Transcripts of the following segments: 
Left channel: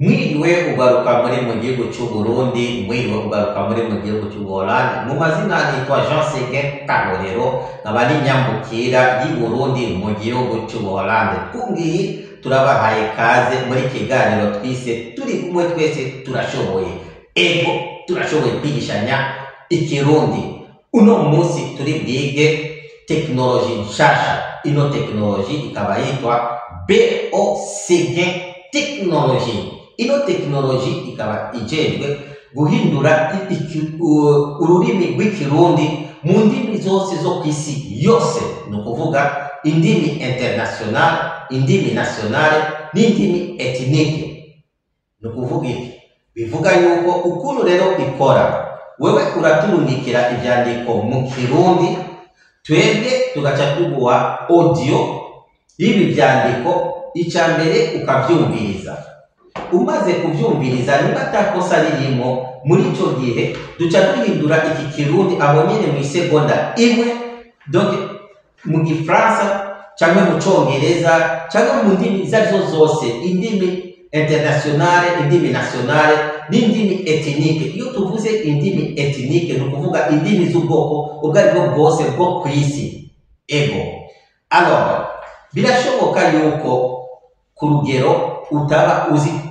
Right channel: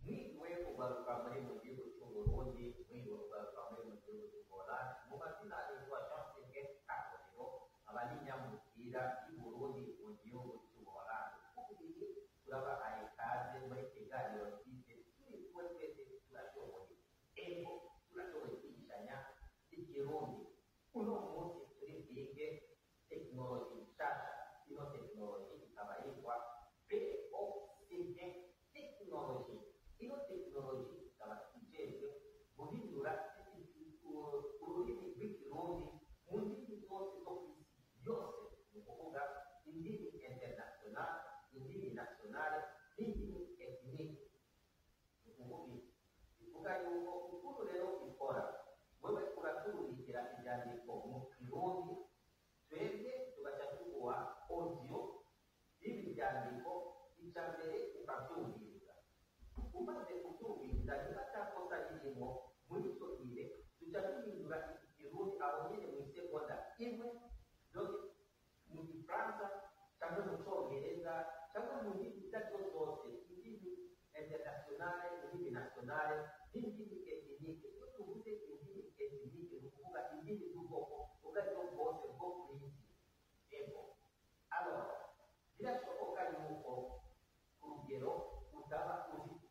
Mwiriwe ugaruka muri mu gihugu cy'u Burundi, mwiriwe ugaruka muri mu gihugu cy'u Buholandi. Mu mazina nitwa Jean Seguin Karorero, nkaba ni nyambukira y'i Burundi mu gihugu cy'u Buholandi. Kungiyi turabahaye kaze muri kiganiro twise turi kumwe twese turashoboye. Ego turashoboye kwigishanya ikirundi. Uno munsi turi bwige teknoloji nshasha. Ino teknoloji ikaba yitwa BOCG technology. Ino teknoloji ikaba ijejwe guhindura ururimi rw'ikirundi mu ndimi zose zo kw'isi yose, ni ukuvuga indimi international, indimi nationale n'indimi ethnike. Ni ukuvuga iki? Bivuga yuko ukuntu rero ikora, wewe uraturungikira ivyandiko mu kirundi, twebwe tugaca tuguha audio y'ibi vyandiko, icambere ukavyumviriza. Umaze kuvyumviriza, niba atakosa ririmo muri ico gihe, duca duhindura iki kirundi aho nyene mu isegonda imwe, donc mu Gifaransa canke mu Congereza canke mu ndimi izo zose, indimi internationale, indimi nationale n'indimi ethnike. Iyo tuvuze indimi ethnike, ni ukuvuga indimi z'ubwoko ubwo aribwo bwose bwo kw'isi. Ego alors birashoboka yuko ku rugero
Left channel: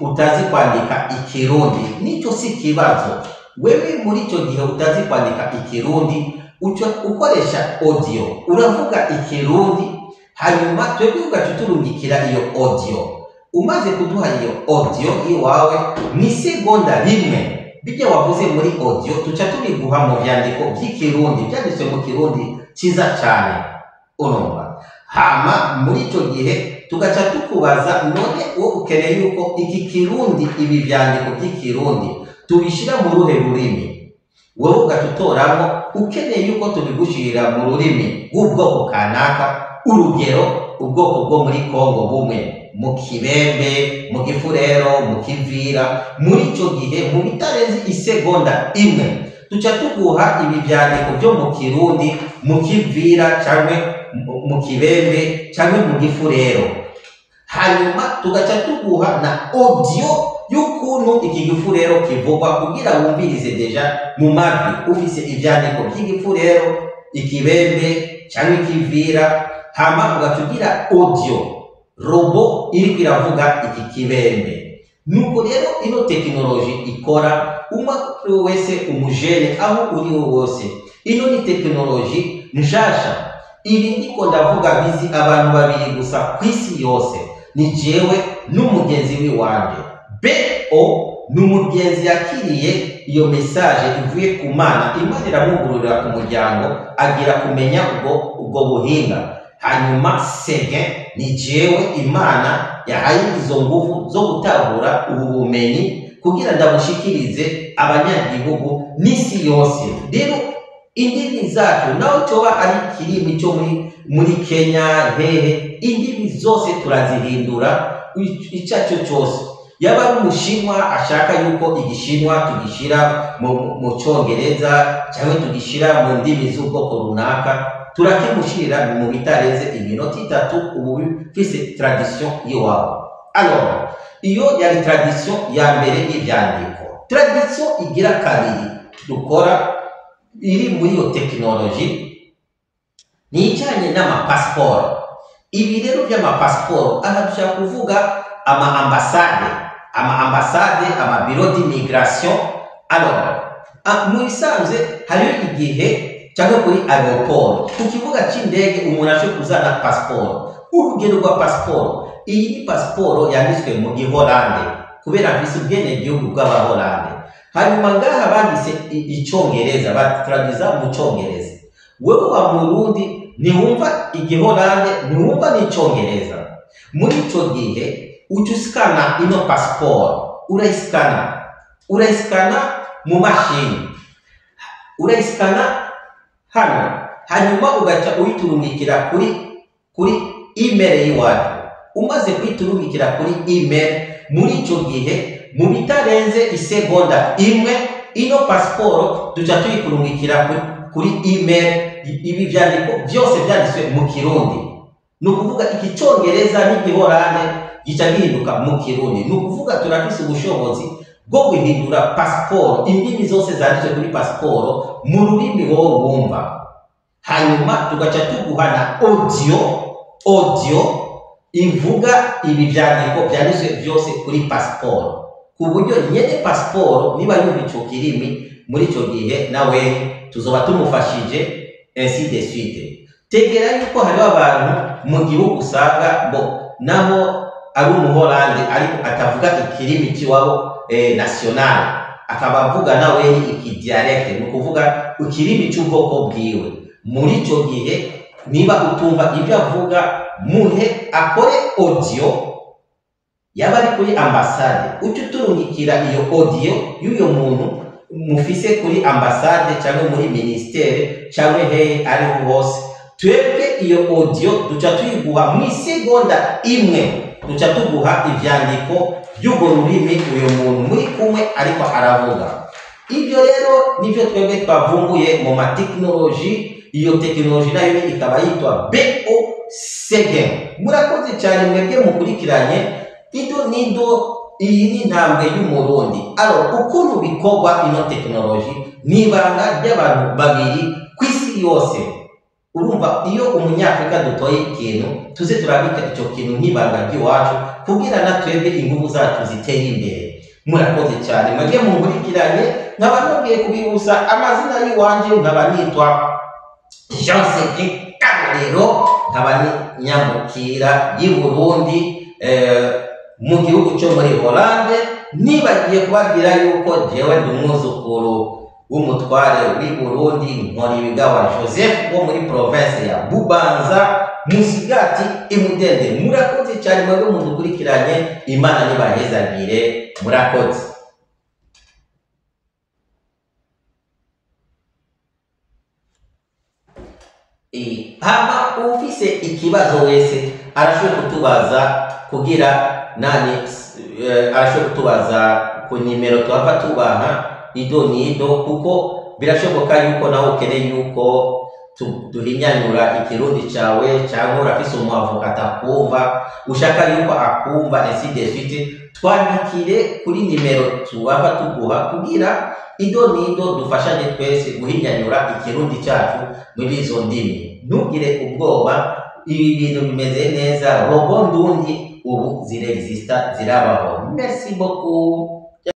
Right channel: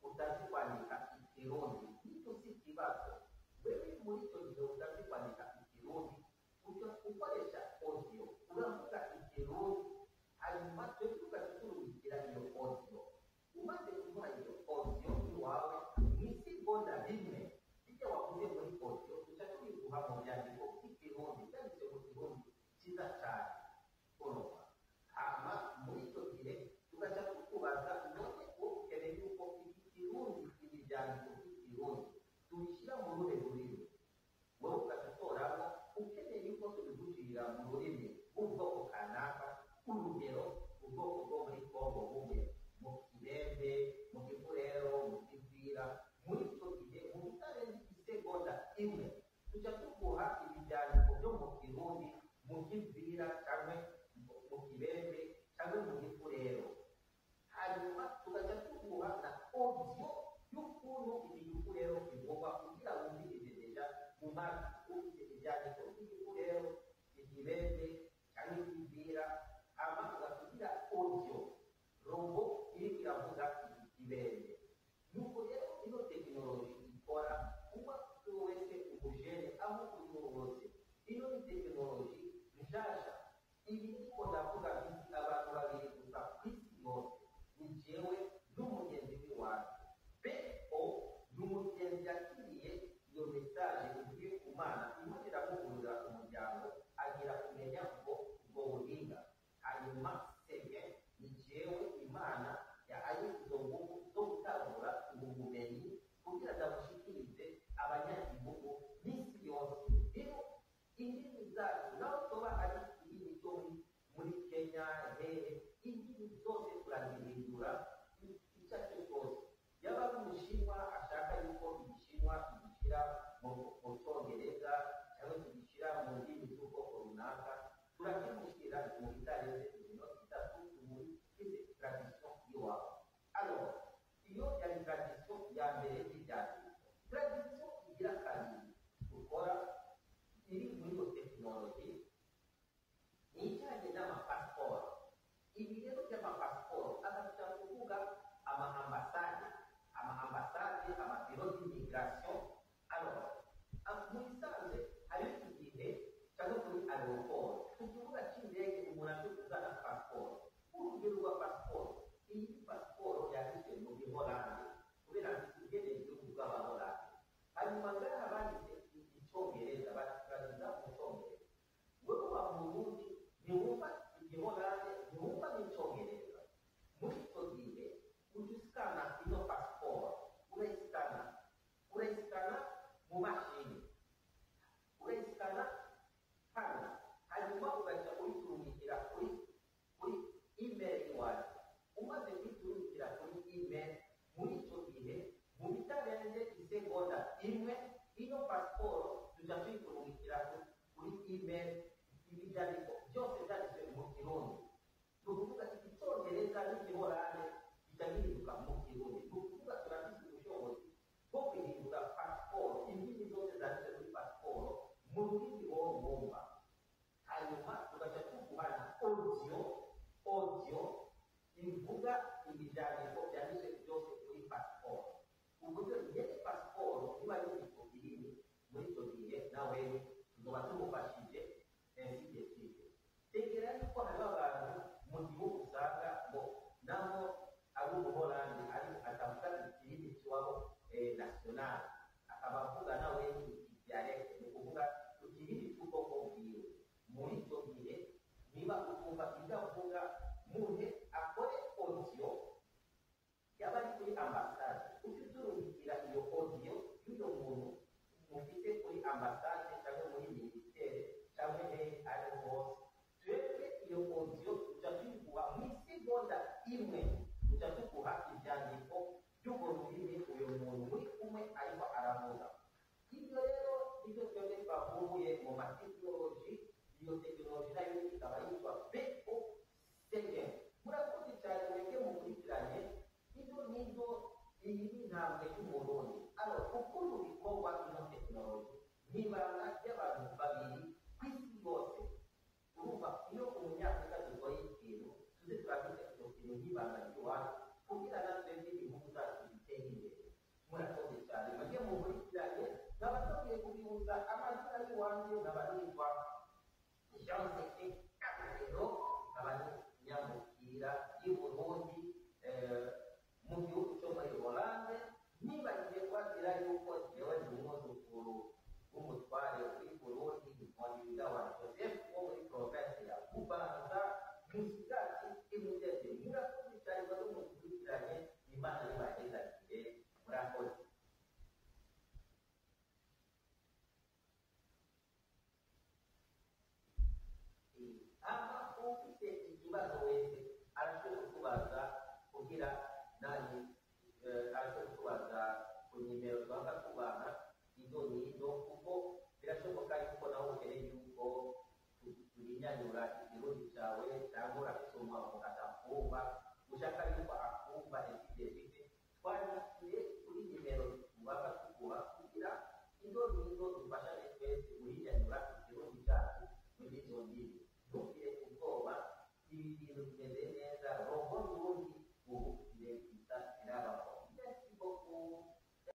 utazi kwandika ikirundi, nico si kibazo. Wewe muri ico gihe utazi kwandika ikirundi, ukoresha audio, uravuga ikirundi, hanyuma twebwe ugacuturungikira iyo audio. Umaze kuduha iyo audio iwawe mw'isegonda rimwe, bijya wavuze muri audio tuca tubiguha mu vyandiko vy'ikirundi, vyanditswe mu kirundi ciza cane. Urumva? Hama muri ico gihe tugaca tukubaza, none wo ukeneye yuko iki kirundi, ibi vyandiko by'ikirundi tubishira mu ruhe rurimi? Wowe ugacutoramo ukeneye yuko tubigushirira mu rurimi rw'ubwoko kanaka, urugero ubwoko bwo muri Kongo bumwe, mu Kibembe, mu Gifurero, mu Kivira. Muri ico gihe mu bitarenze isegonda imwe tuca tuguha ibi vyandiko byo mu Kirundi, mu Kivira canke mu Kibembe canke mu Gifurero. Hanyuma tugaca tuguha na audio y'ukuntu iki Gifurero kivugwa, kugira wumvirize deja mu matwi ufise ivyandiko by'Igifurero, Ikibembe canke Ikivira. Hama ugatugira audio robo iriko iravuga iki Kibembe. Nuko rero ino teknoloji ikora wese umujene aho uri wose. Ino ni teknoloji nshasha. Ibi ndiko ndavuga bizi abantu babiri gusa kw'isi yose, ni jewe n'umugenzi wiwanje. BO ni umugenzi yakiriye iyo message ivuye ku Mana, Imana iramugururira ku muryango, agira kumenya ubwo buhinga. Hanyuma Seguin ni jewe Imana yahaye izo nguvu zo gutahura ubu bumenyi kugira ndabushikirize abanyagihugu n'isi yose. Rero indimi zacu naho coba ari kirimi cyo muri Kenya, hehe, indimi zose turazihindura icaco cyose. Yaba ari umushinwa ashaka yuko igishinwa tugishira mu Congereza cyangwa tugishira mu ndimi z'ubwoko runaka, turakimushirira mu bitarenze iminota 3, ubu bifise tradition yiwabo. Alors iyo yari tradition ya mbere y'ivyandiko. Tradition igira kabiri dukora iri muri iyo teknoloji ni ijanye n'amapasiporo. Ibi rero by'amapasiporo aha dushaka kuvuga amambasade, amabiro d'immigration. Alors mu isanzwe hariyo igihe cyangwa kuri aeroport, ku kibuga c'indege umuntu ashe kuzana pasiporo. Urugero rwa pasiporo, iyi ni pasiporo yanditswe mu Giholande kubera mfise ubwenegihugu bw'Abaholande. Hanyuma ngaha banditse icongereza, batraduza mu Congereza. Wewe wa Murundi ntiwumva Igiholande, ntiwumva n'icongereza. Muri ico gihe ucuskana ino pasiporo, urayiskana mu mashini, urayiskana hano, hanyuma ugaca uyiturungikira kuri email yiwacu. Umaze kuyiturungikira kuri email, muri ico gihe mu bitarenze isegonda imwe, ino pasiporo duca tuyikurungikira kuri email. Ibi vyandiko byose byanditswe mu Kirundi, ni ukuvuga iki Congereza n'Igiholande gica gihinduka mu kirundi. Ni ukuvuga turafise ubushobozi bwo guhindura pasiporo, indimi zose zanditse kuri pasiporo mu rurimi wowe wumva, hanyuma tugaca tuguha na audio ivuga ibi vyandiko vyanditswe vyose kuri pasiporo, ku buryo nyene pasiporo niba yumva ico kirimi muri ico gihe nawe tuzoba tumufashije ainsi de suite. Tegera yuko hariho abantu mu gihugu usanga nabo ari umuholande ariko atavuga ikirimi ciwabo national, akaba avuga nawe iki dialect, ni ukuvuga ikirimi c'ubwoko bwiwe. Muri ico gihe niba utumva ibyo avuga, muhe akore audio, yaba ari kuri ambasade uca uturungikira iyo audio y'uyo muntu mufise kuri ambasade cyangwa muri ministere cyangwa ariho hose. Twebwe iyo audio duca tuyiguha mu isegonda imwe, duca tuguha ivyandiko by'ubwo rurimi uyo muntu muri kumwe ariko aravuga. Ibyo rero nivyo twebwe twavumbuye mu matekinoloji. Iyo tekinoloji nayo ikaba yitwa BO7. Murakoze cyane mwebwe mukurikiranye ido nido. Iyi ni intambwe y'umurundi. Ukuntu bikorwa ino tekinoloji ni ibanga ry'abantu babiri ku isi yose. Urumva, iyo umunyafrika dutoye ikintu tuze turabika icyo kintu nk'ibanga ry'iwacu kugira na twebwe ingufu zacu ziteye imbere. Murakoze cyane mwebwe mukurikiranye, nkaba nongeye kubibusa amazina y'iwanje, nkaba nitwa Jean Seguin Karorero, nkaba ni nyamukira y'i Burundi mu gihugu cyo muri Hollande. Nibagiye kubabwira yuko jewe ndi umwuzukuru w'umutware w'i Burundi Nkoribigawa Joseph wo muri province ya Bubanza Musigati Imudende. Murakoze cyane mwebwe mudukurikiranye, Imana nibahezagire, murakoze. Hama ufise ikibazo wese arashobora kutubaza kugira arashobora kutubaza ku nimero twava tubaha ido nido, kuko birashoboka yuko nawe ukeneye yuko duhinyanyura ikirundi cawe, cyangwa urafise umuavoka atakumva ushaka yuko akumva ainsi de suite. Twandikire kuri nimero tuwava tuguha kugira ido nido dufashanye twese guhinyanyura ikirundi cyacu muri izo ndimi. Ntugire ubwoba, ibi bintu bimeze neza. Robo ndundi ubu zirexista, zirabaho. Merci beaucoup.